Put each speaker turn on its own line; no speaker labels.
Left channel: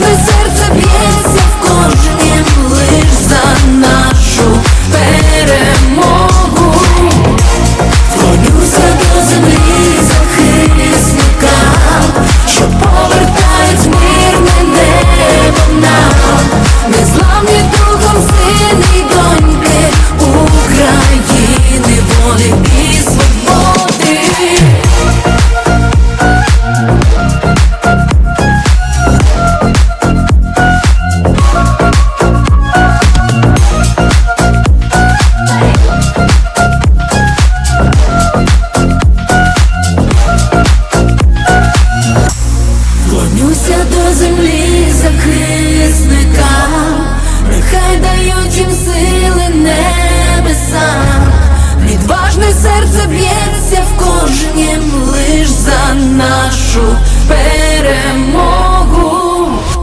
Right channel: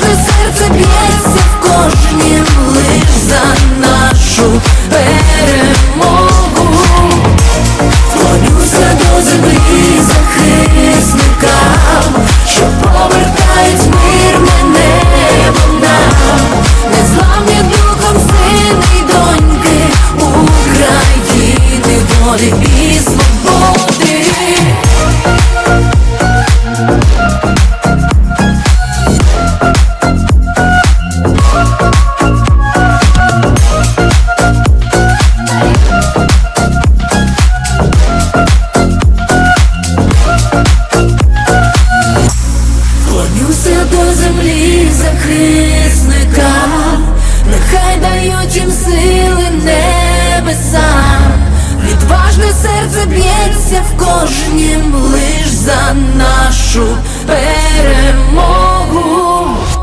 кожне серце б'ється в кожнім лиш за нашу перемогу, Клонюся до землі захисника, що повертають мирне небо нам, незламні духом сини й доньки України волі. Звернуся до землі захисника, нехай дають їм сили небеса, відважне серце б'ється в кожнім лиш за нашу перемогу.